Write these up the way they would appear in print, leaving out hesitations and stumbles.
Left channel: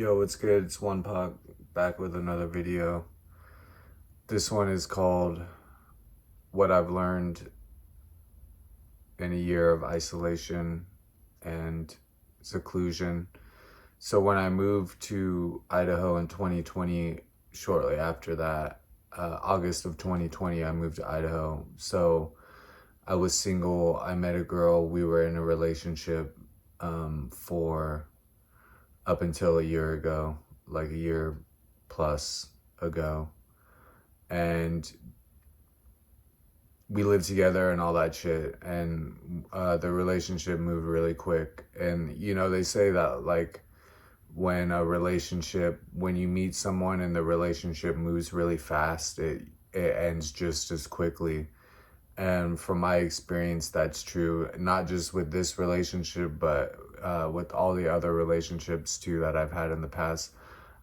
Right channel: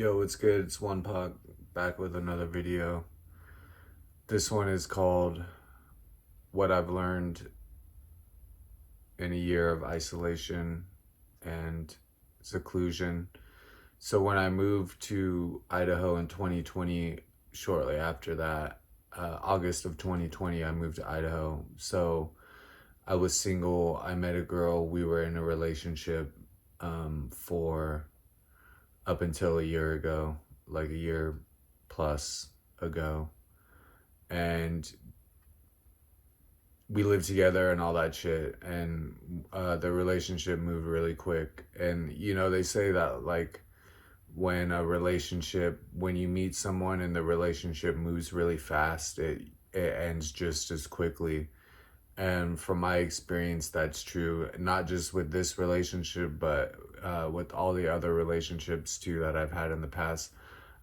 Yo, what's good? It's One Puck back with another video. This one is called What I've Learned in a Year of Isolation and Seclusion. So when I moved to Idaho in 2020, shortly after that, August of 2020, I moved to Idaho. So I was single. I met a girl. We were in a relationship for up until a year ago, like a year plus ago. And we lived together and all that shit. And the relationship moved really quick. And, you know, they say that like when you meet someone and the relationship moves really fast, it ends just as quickly. And from my experience, that's true, not just with this relationship, but with all the other relationships too that I've had in the past.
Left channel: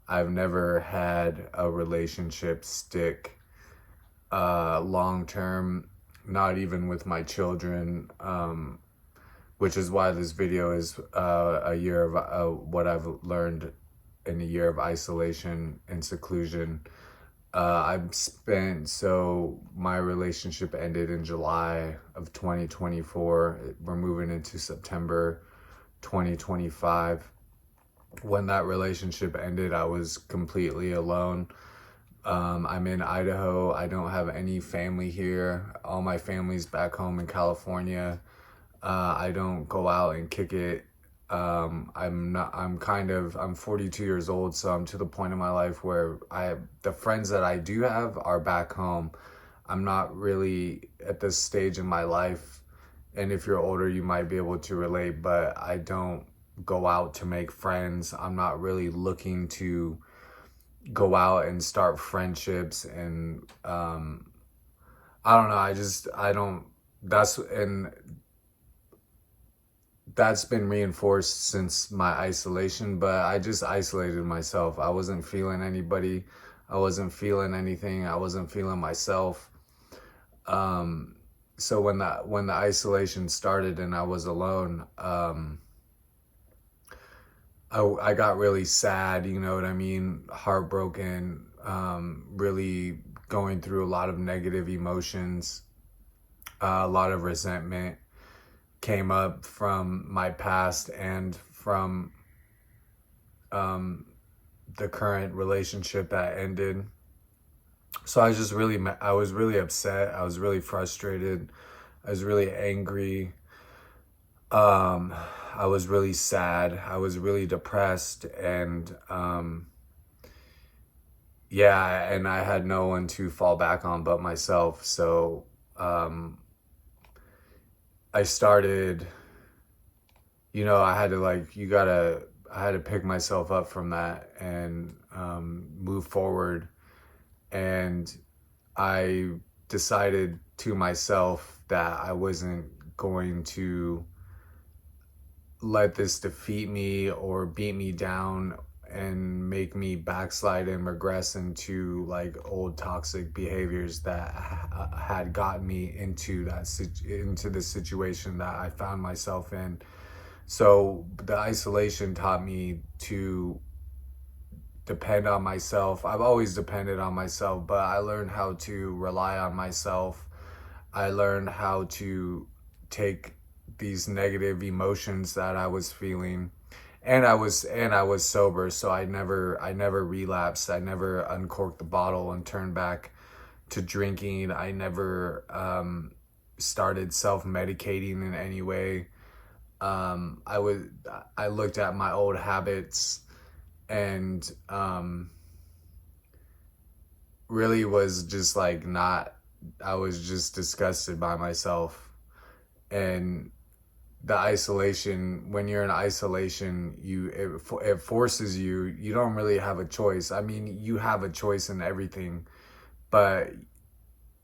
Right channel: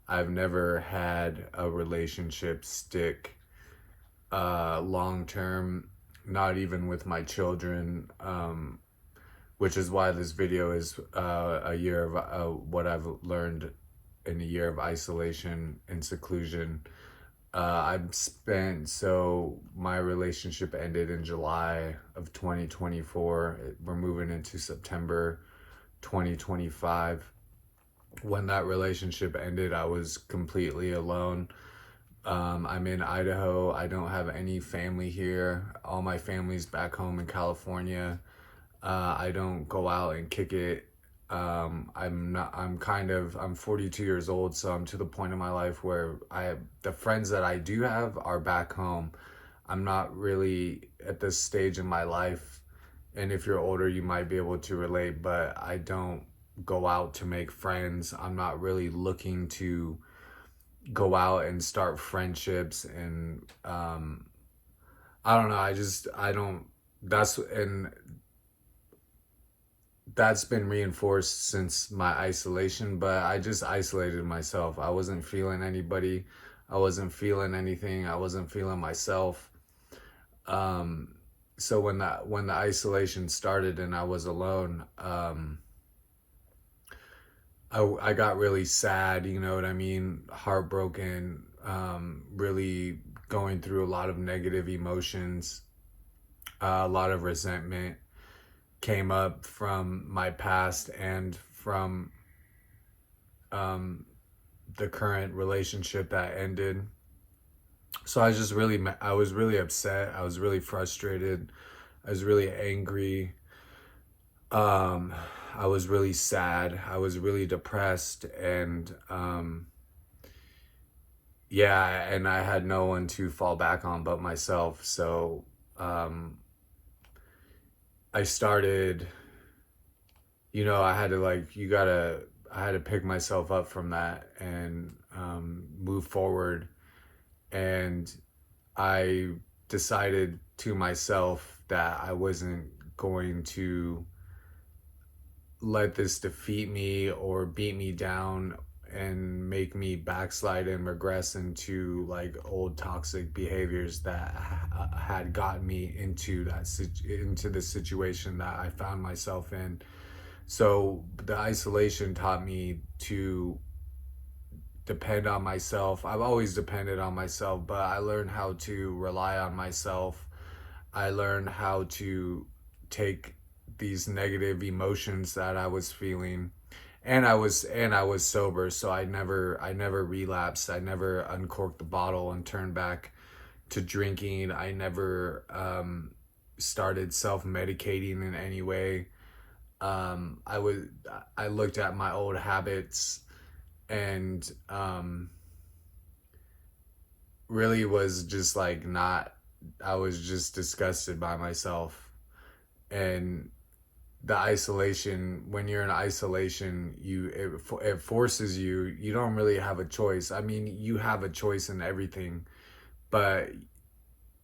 I've never had a relationship stick long term, not even with my children, which is why this video is a year of what I've learned in a year of isolation and seclusion. So my relationship ended in July of 2024. We're moving into September 2025. When that relationship ended, I was completely alone. I'm in Idaho. I don't have any family here. All my family's back home in California. I don't go out and kick it. I'm 42 years old, so I'm to the point in my life where the friends that I do have are back home. I'm not really at this stage in my life, and if you're older, you might be able to relate, but I don't go out to make friends. I'm not really looking to go out and start friendships, and I don't know, that's been reinforced since my isolation, but I just isolated myself. I wasn't feeling anybody. I wasn't feeling anything. I wasn't feeling myself. So when the isolation started and I was alone, I got really sad, you know what I mean? Heartbroken, really going through a lot of negative emotions, a lot of resentment came up from my past and from the current relationship that ended. So I was really upset. I was really frustrated. I was really angry. I was really sad. I was really depressed, and and I had no one to fall back on but myself. So I started, you know, I had to pick myself up from that and move forward. And I decided to myself that I wasn't going to let this defeat me or beat me down and make me backslide and regress into like old toxic behaviors that had gotten me into the situation that I found myself in. So the isolation taught me to depend on myself. I've always depended on myself, but I learned how to rely on myself. I learned how to take these negative emotions that I was feeling, and I was sober, so I never relapsed. I never uncorked the bottle and turned back to drinking. I never started self-medicating in any way. I looked at my old habits and really was just like I was just disgusted by myself. And the isolation, when you're in isolation, it forces you don't really have a choice. I mean, you have a choice in everything, but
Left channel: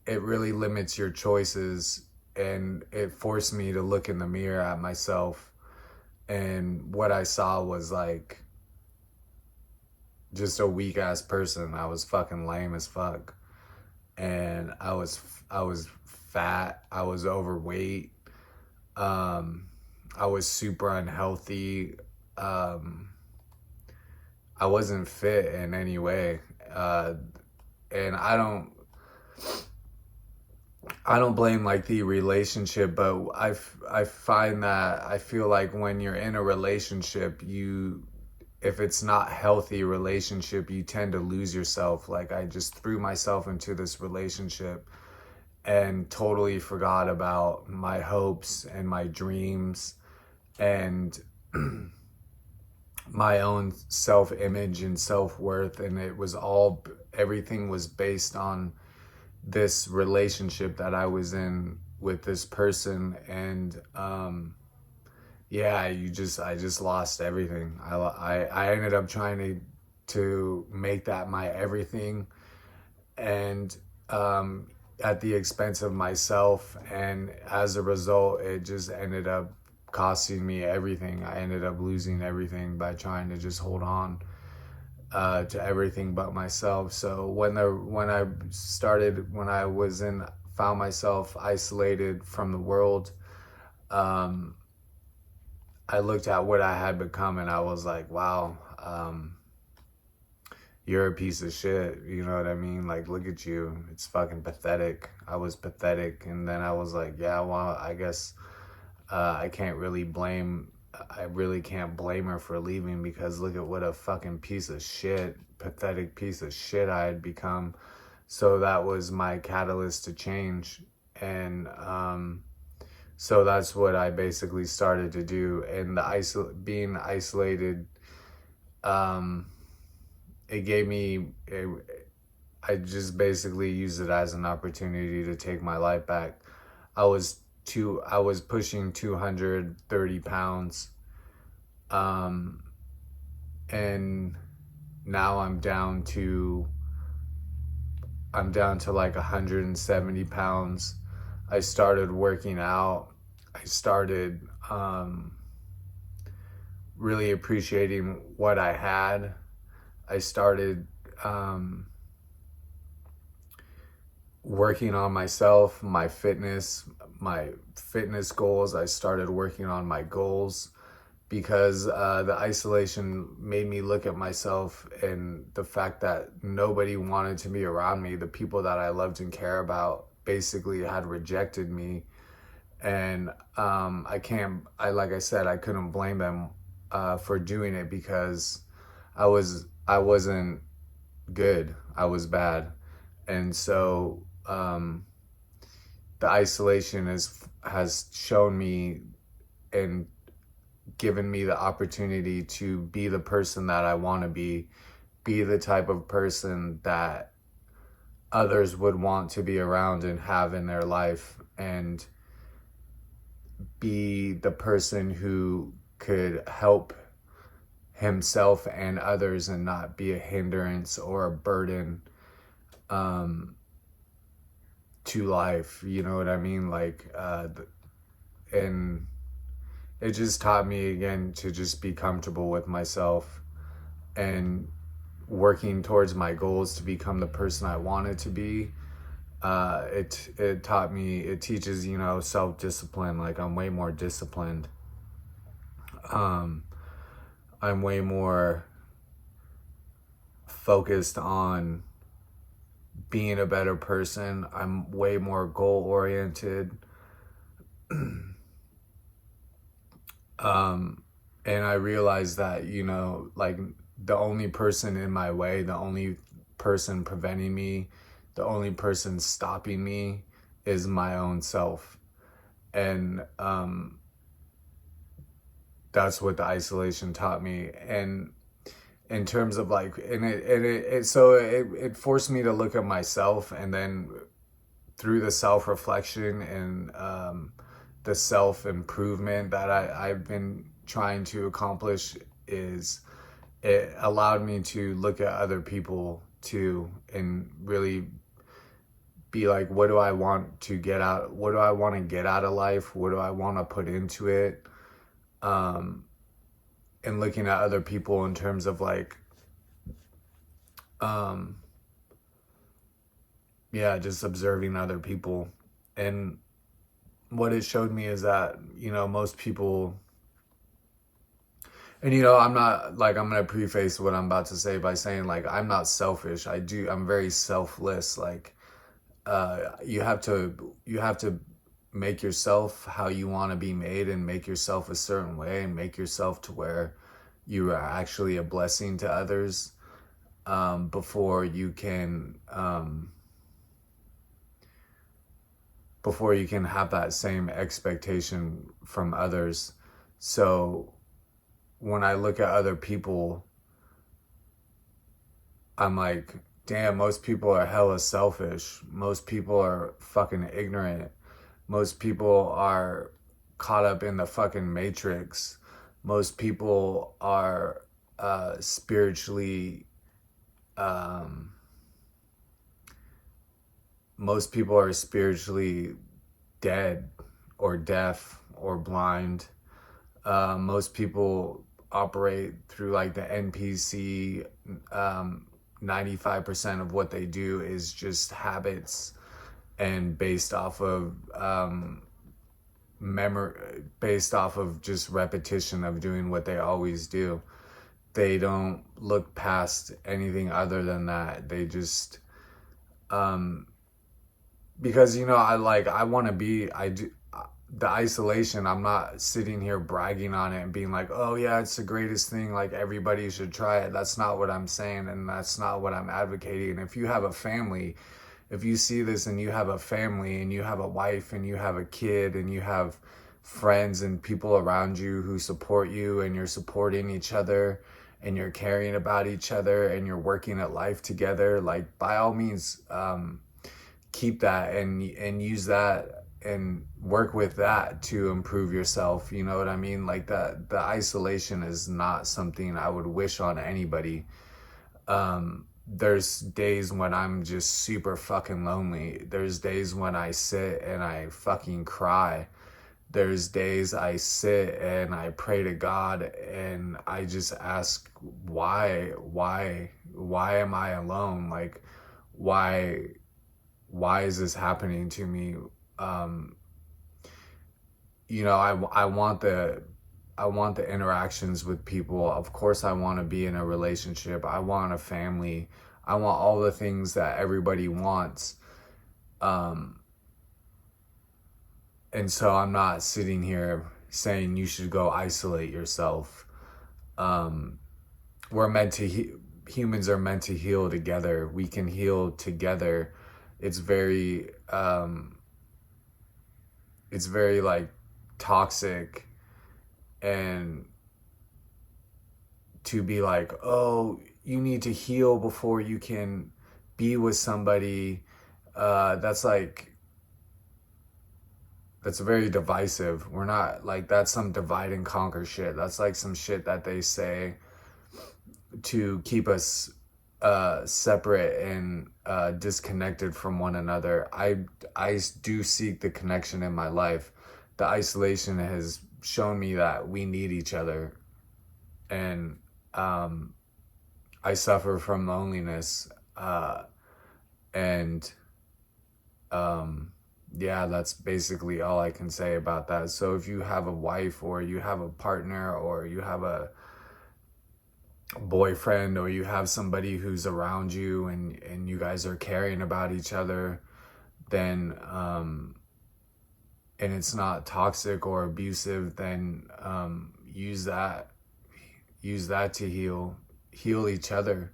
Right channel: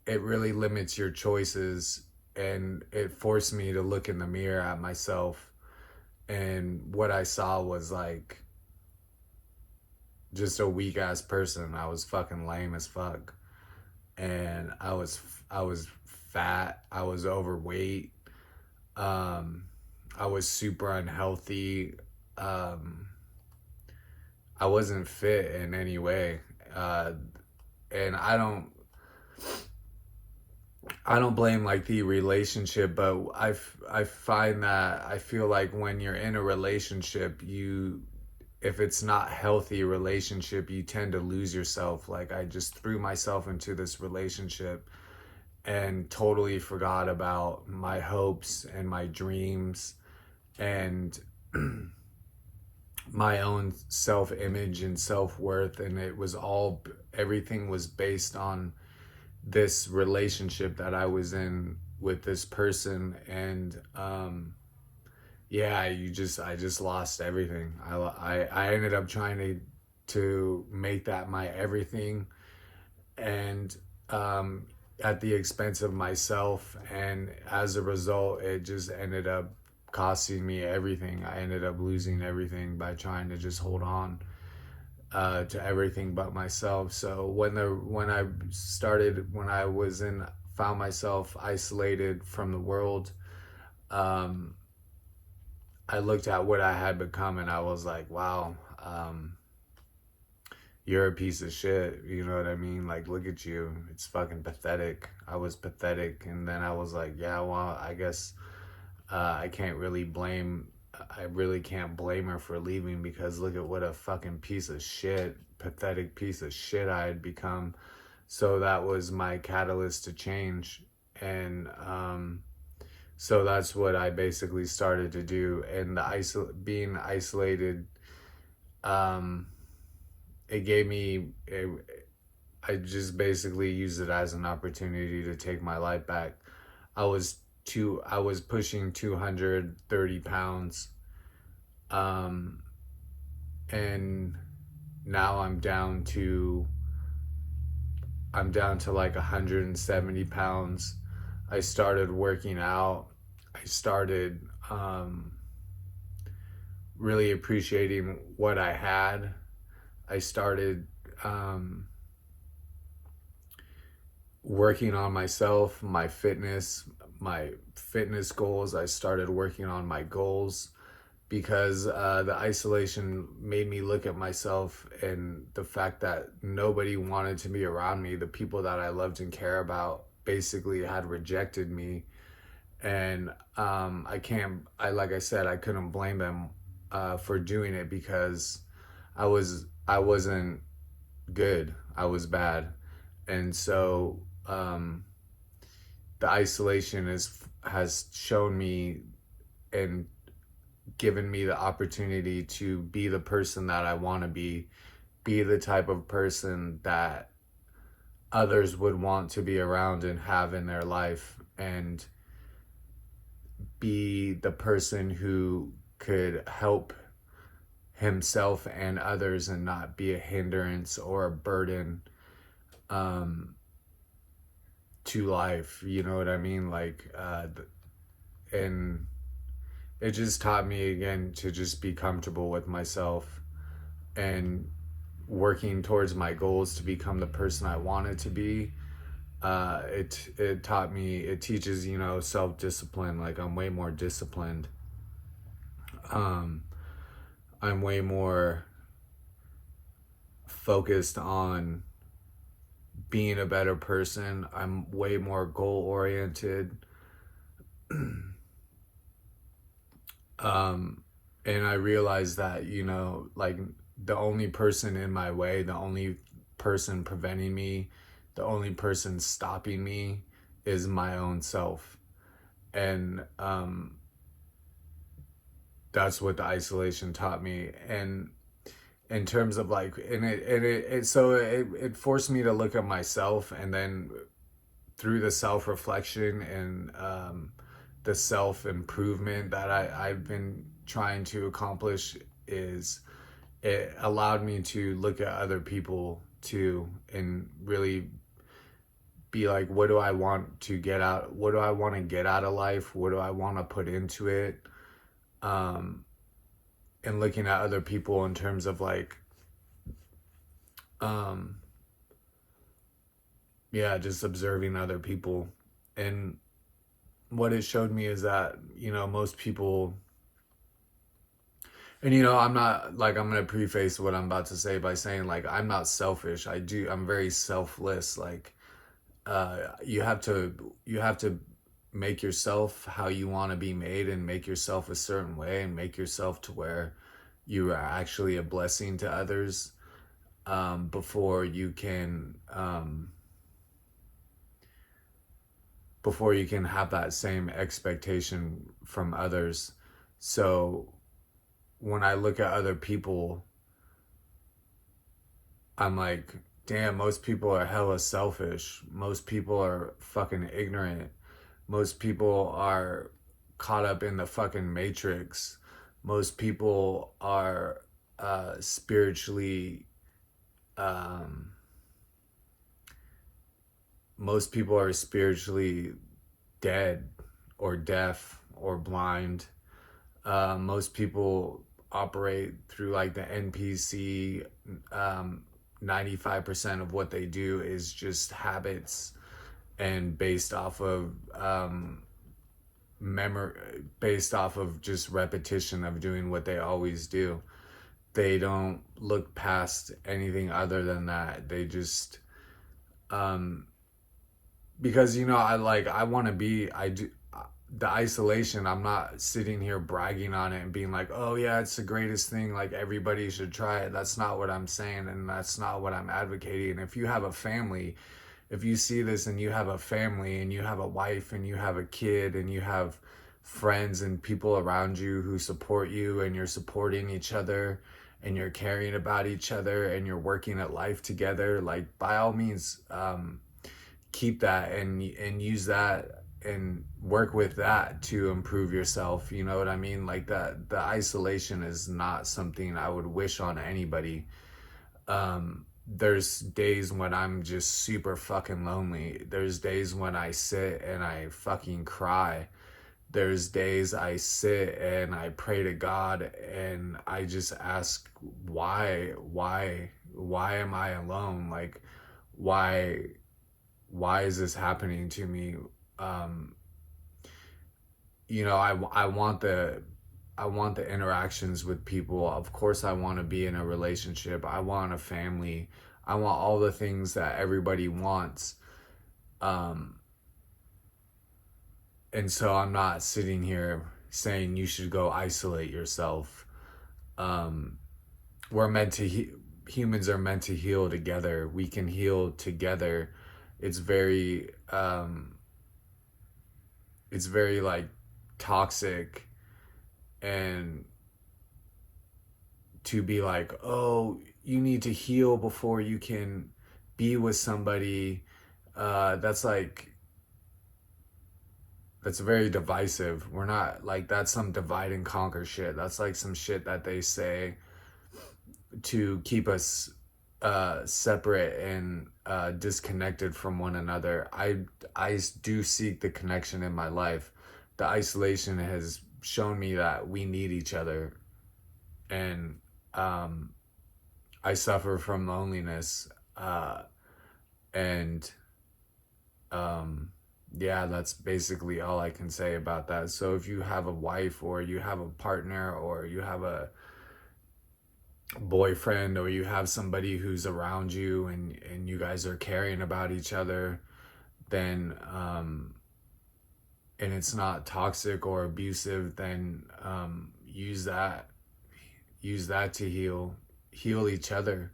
it really limits your choices. And it forced me to look in the mirror at myself, and what I saw was like just a weak ass person. I was fucking lame as fuck, and I was fat. I was overweight. I was super unhealthy. I wasn't fit in any way. And I don't blame like the relationship, but I find that I feel like when you're in a relationship, if it's not healthy relationship, you tend to lose yourself. Like I just threw myself into this relationship and totally forgot about my hopes and my dreams and my own self-image and self-worth. And everything was based on this relationship that I was in with this person. And yeah, I just lost everything. I ended up trying to make that my everything, and at the expense of myself. And as a result, it just ended up costing me everything. I ended up losing everything by trying to just hold on to everything but myself. So when I found myself isolated from the world, I looked at what I had become and I was like, wow, you're a piece of shit. You know what I mean? Like, look at you. It's fucking pathetic. I was pathetic. And then I was like, yeah, well, I guess I really can't blame her for leaving, because look at what a fucking pathetic piece of shit I had become. So that was my catalyst to change. And so that's what I basically started to do. And being isolated, I just basically used it as an opportunity to take my life back. I was pushing 230 pounds. And now I'm down to like 170 pounds. I started working out. I started really appreciating what I had. I started working on myself, my fitness goals. I started working on my goals, because the isolation made me look at myself, and the fact that nobody wanted to be around me. The people that I loved and care about basically had rejected me. And like I said, I couldn't blame them for doing it, because I wasn't good. I was bad. And so the isolation has shown me and given me the opportunity to be the person that I want to be the type of person that others would want to be around and have in their life, and be the person who could help himself and others and not be a hindrance or a burden to life. You know what I mean? Like, and it just taught me again to just be comfortable with myself and working towards my goals to become the person I wanted to be. It teaches, self-discipline. Like, I'm way more disciplined. I'm way more focused on being a better person. I'm way more goal-oriented. And I realized that, like, the only person in my way, the only person preventing me, the only person stopping me is my own self. And that's what the isolation taught me. And in terms of like, it forced me to look at myself, and then through the self-reflection and the self-improvement that I've been trying to accomplish, it allowed me to look at other people too, and really be like, what do I want to get out? What do I want to get out of life? What do I want to put into it? And looking at other people in terms of like, just observing other people. And what it showed me is that, most people, And you know, I'm not like, I'm gonna preface what I'm about to say by saying like I'm not selfish. I'm very selfless. Like you have to make yourself how you want to be made, and make yourself a certain way, and make yourself to where you are actually a blessing to others, before you can have that same expectation from others. So when I look at other people, I'm like, damn, most people are hella selfish. Most people are fucking ignorant. Most people are caught up in the fucking matrix. Most people are spiritually, um, most people are spiritually dead or deaf or blind. Most people operate through like the NPC. 95% of what they do is just habits, and based off of based off of just repetition of doing what they always do. They don't look past anything other than that. They just because you know, I want to be, I do the isolation. I'm not sitting here bragging on it and being like, oh yeah, it's the greatest thing, like everybody should try it. That's not what I'm saying, and that's not what I'm advocating. If you have a family, if you see this and you have a family and you have a wife and you have a kid and you have friends and people around you who support you, and you're supporting each other, and you're caring about each other, and you're working at life together, like by all means, keep that and use that and work with that to improve yourself. You know what I mean? Like that, the isolation is not something I would wish on anybody. There's days when I'm just super fucking lonely. There's days when I sit and I fucking cry. There's days I sit and I pray to God and I just ask, why am I alone? Like, why is this happening to me? You know, I want the interactions with people. Of course, I want to be in a relationship. I want a family. I want all the things that everybody wants. And so I'm not sitting here saying you should go isolate yourself. We're meant to, humans are meant to heal together. We can heal together. It's very like toxic, and to be like, oh, you need to heal before you can be with somebody. That's very divisive. We're not like, that's some divide and conquer shit. That's like some shit that they say to keep us separate and disconnected from one another. I do seek the connection in my life. The isolation has shown me that we need each other, and I suffer from loneliness, and yeah, that's basically all I can say about that. So if you have a wife, or you have a partner, or you have a boyfriend, or you have somebody who's around you, and you guys are caring about each other, then and it's not toxic or abusive, then use that to heal each other.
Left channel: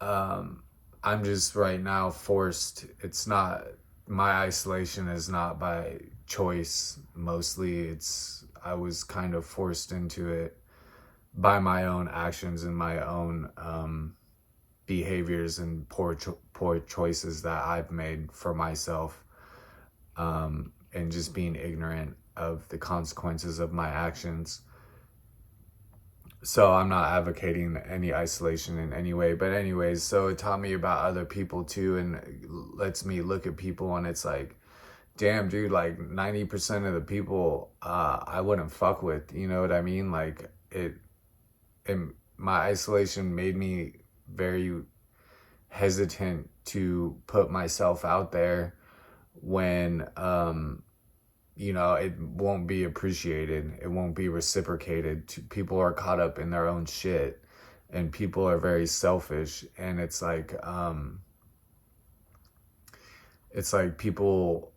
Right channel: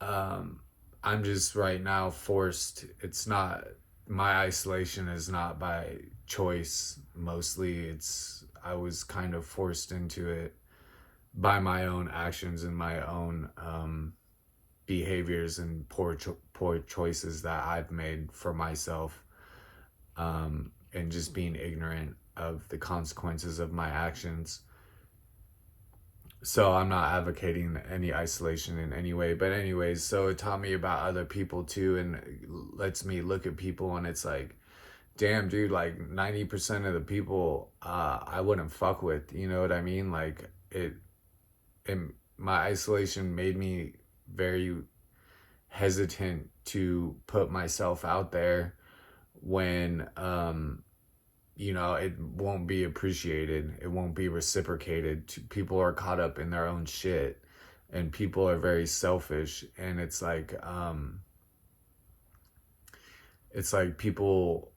I'm just right now forced. It's not, my isolation is not by choice. Mostly I was kind of forced into it by my own actions and my own behaviors and poor choices that I've made for myself, and just being ignorant of the consequences of my actions. So I'm not advocating any isolation in any way, but anyways, so it taught me about other people too, and lets me look at people, and it's like, damn dude, like 90% of the people I wouldn't fuck with, you know what I mean? Like my isolation made me very hesitant to put myself out there when you know, it won't be appreciated. It won't be reciprocated. People are caught up in their own shit, and people are very selfish. And it's like people,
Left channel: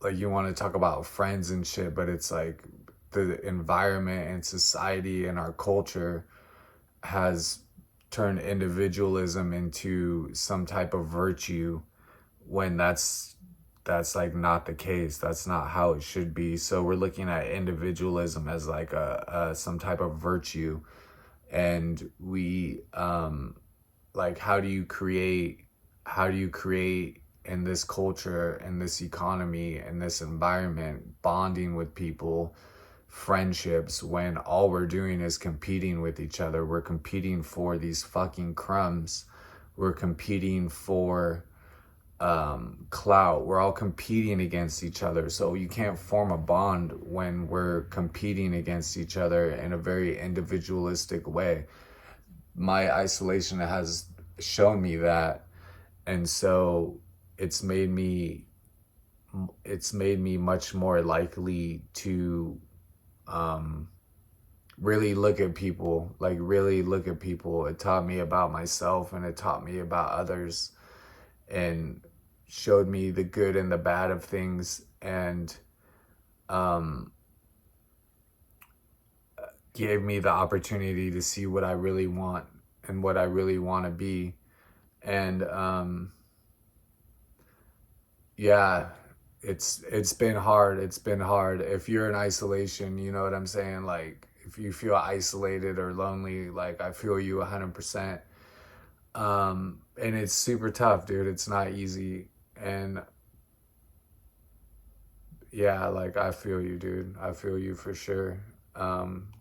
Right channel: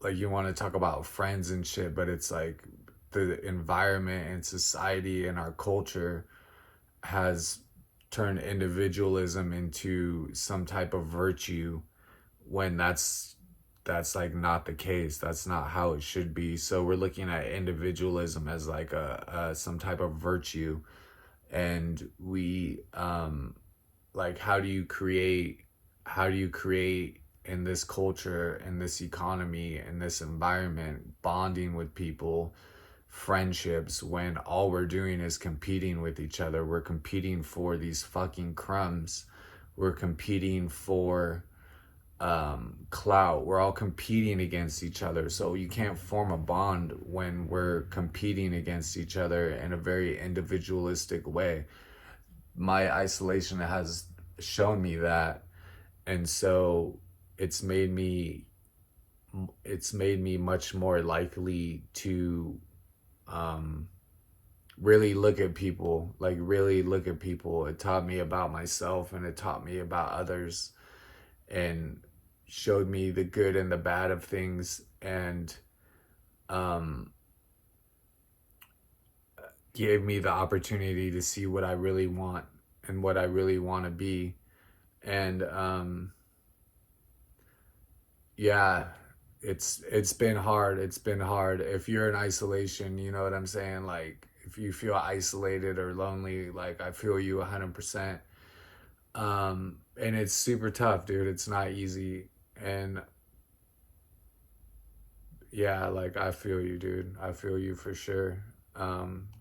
like, you want to talk about friends and shit, but it's like the environment and society and our culture has turned individualism into some type of virtue, when that's like not the case. That's not how it should be. So we're looking at individualism as like some type of virtue, and we like, how do you create in this culture, in this economy, in this environment, bonding with people, friendships, when all we're doing is competing with each other? We're competing for these fucking crumbs. We're competing for clout. We're all competing against each other. So you can't form a bond when we're competing against each other in a very individualistic way. My isolation has shown me that, and so it's made me much more likely to really look at people. It taught me about myself, and it taught me about others, and showed me the good and the bad of things, and gave me the opportunity to see what I really want and what I really want to be. And yeah, it's been hard. It's been hard. If you're in isolation, you know what I'm saying? Like, if you feel isolated or lonely, like, I feel you 100%. And it's super tough, dude. It's not easy. And yeah, like, I feel you, dude. I feel you for sure.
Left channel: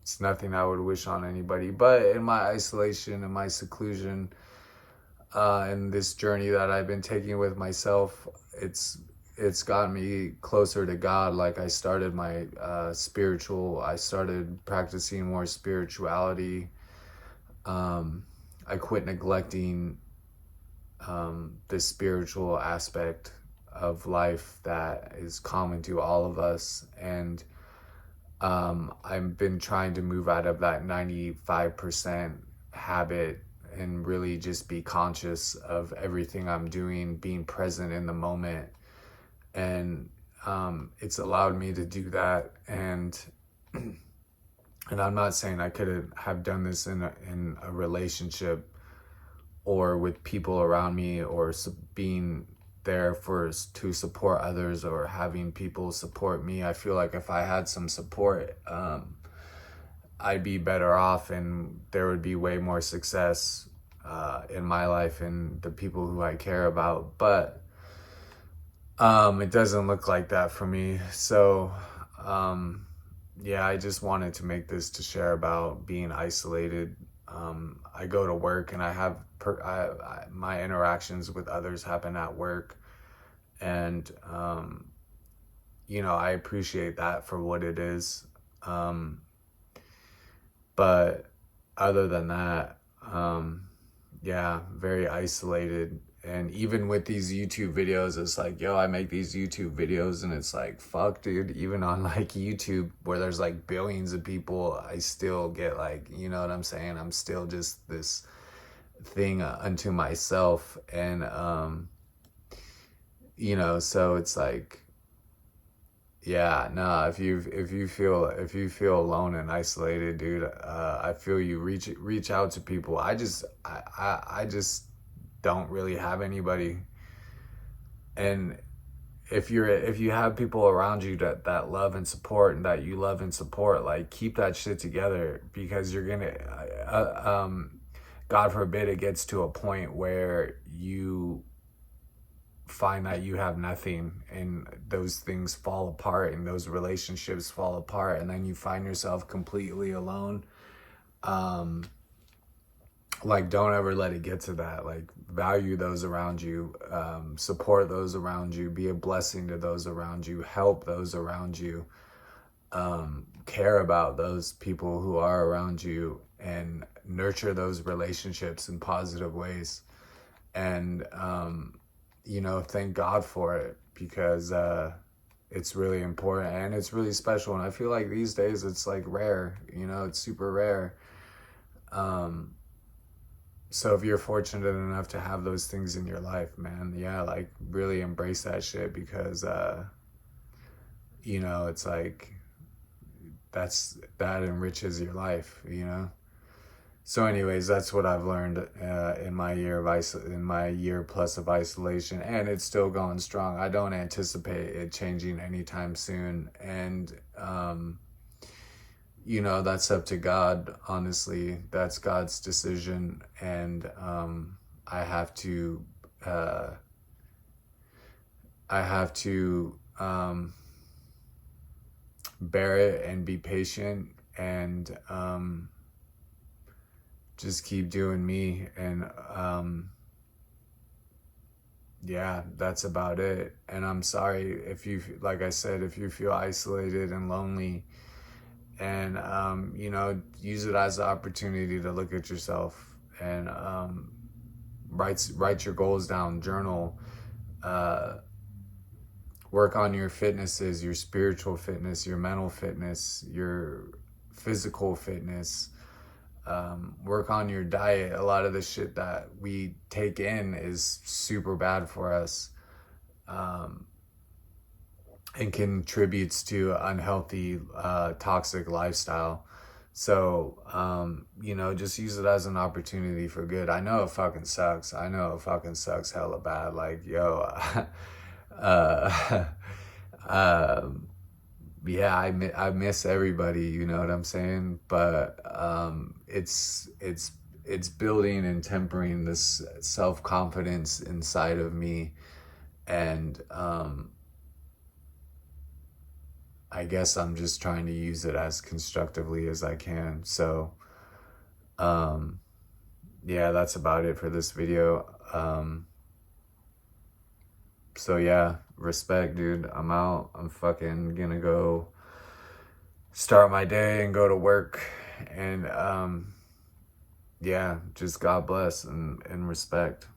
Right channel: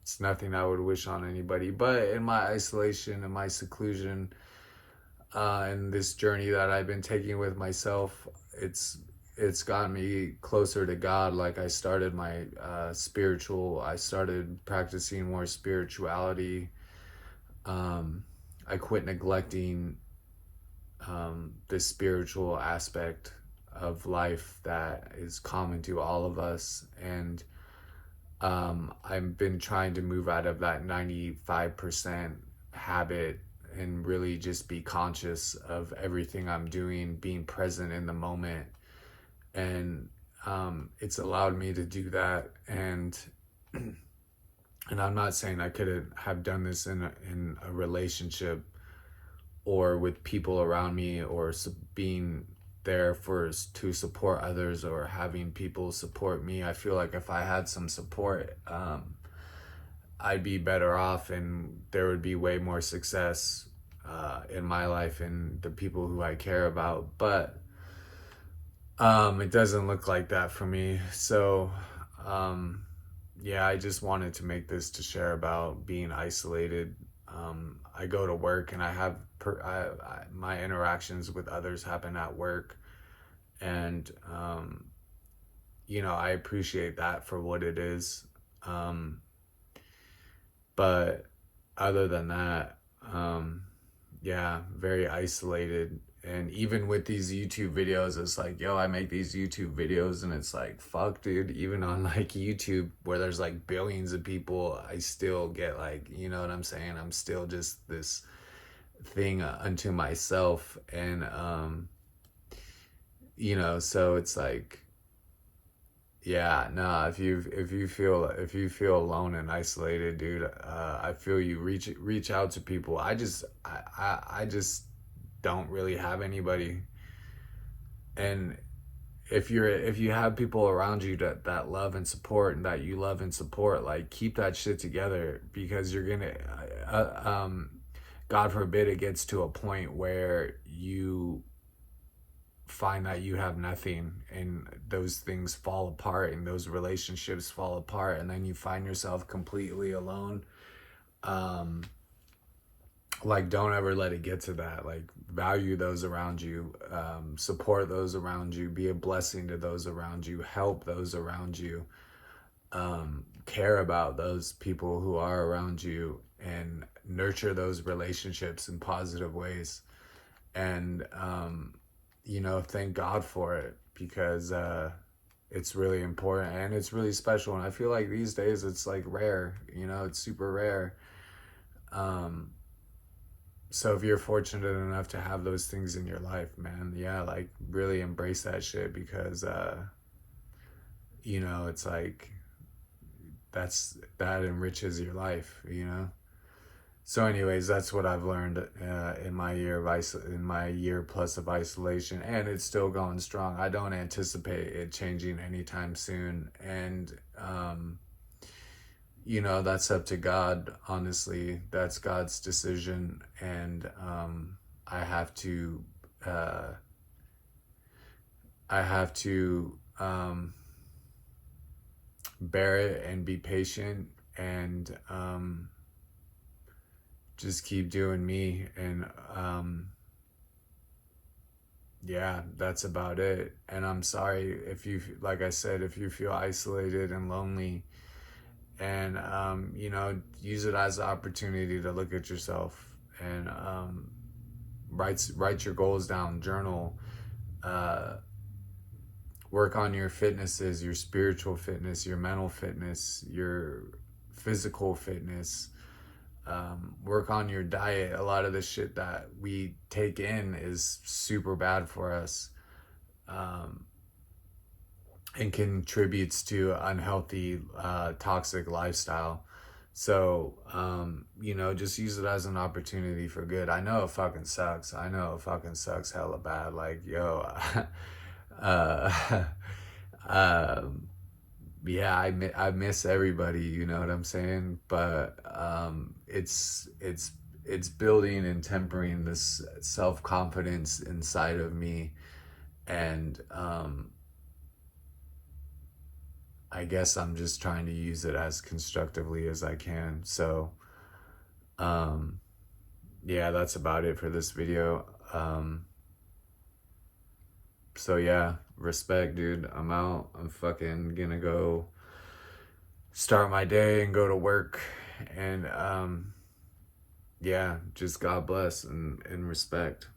It's nothing I would wish on anybody. But in my isolation and my seclusion, and this journey that I've been taking with myself, it's gotten me closer to God. Like, I started my I started practicing more spirituality. I quit neglecting the spiritual aspect of life that is common to all of us. And I've been trying to move out of that 95% habit and really just be conscious of everything I'm doing, being present in the moment. And it's allowed me to do that. And I'm not saying I couldn't have done this in a relationship or with people around me, or being there to support others, or having people support me. I feel like if I had some support, I'd be better off, and there would be way more success in my life and the people who I care about. But it doesn't look like that for me. So yeah, I just wanted to make this to share about being isolated. I go to work, and I have my interactions with others happen at work, and you know, I appreciate that for what it is. But other than that, yeah, very isolated. And even with these YouTube videos, it's like, yo, I make these YouTube videos, and it's like, fuck, dude, even on like YouTube, where there's like billions of people, I still get like, you know what I'm saying? I'm still just this thing unto myself. And you know, so it's like, yeah, no, if you feel alone and isolated, dude, I feel you. Reach out to people. I just don't really have anybody. And if you have people around you that love and support, and that you love and support, like, keep that shit together, because you're gonna God forbid it gets to a point where you find that you have nothing, and those things fall apart, and those relationships fall apart, and then you find yourself completely alone. Like, don't ever let it get to that. Like, value those around you, support those around you, be a blessing to those around you, help those around you, care about those people who are around you, and nurture those relationships in positive ways. And you know, thank God for it, because it's really important and it's really special. And I feel like these days it's like rare, you know, it's super rare. So if you're fortunate enough to have those things in your life, man, yeah, like really embrace that shit, because you know, it's like that enriches your life, you know. So anyways, that's what I've learned in my year plus of isolation, and it's still going strong. I don't anticipate it changing anytime soon, and you know, that's up to God. Honestly, that's God's decision, and I have to bear it and be patient, and just keep doing me. And yeah, that's about it. And I'm sorry if you, like I said, if you feel isolated and lonely, and you know, use it as an opportunity to look at yourself, and write your goals down, journal, work on your fitnesses, your spiritual fitness, your mental fitness, your physical fitness. Work on your diet. A lot of the shit that we take in is super bad for us, and contributes to unhealthy, toxic lifestyle. So, you know, just use it as an opportunity for good. I know it fucking sucks. I know it fucking sucks hella bad. Like, yo, yeah, I miss everybody, you know what I'm saying? But it's building and tempering this self-confidence inside of me, and I guess I'm just trying to use it as constructively as I can. So yeah, that's about it for this video. So yeah, respect, dude. I'm out. I'm fucking gonna go start my day and go to work, and yeah, just God bless and respect.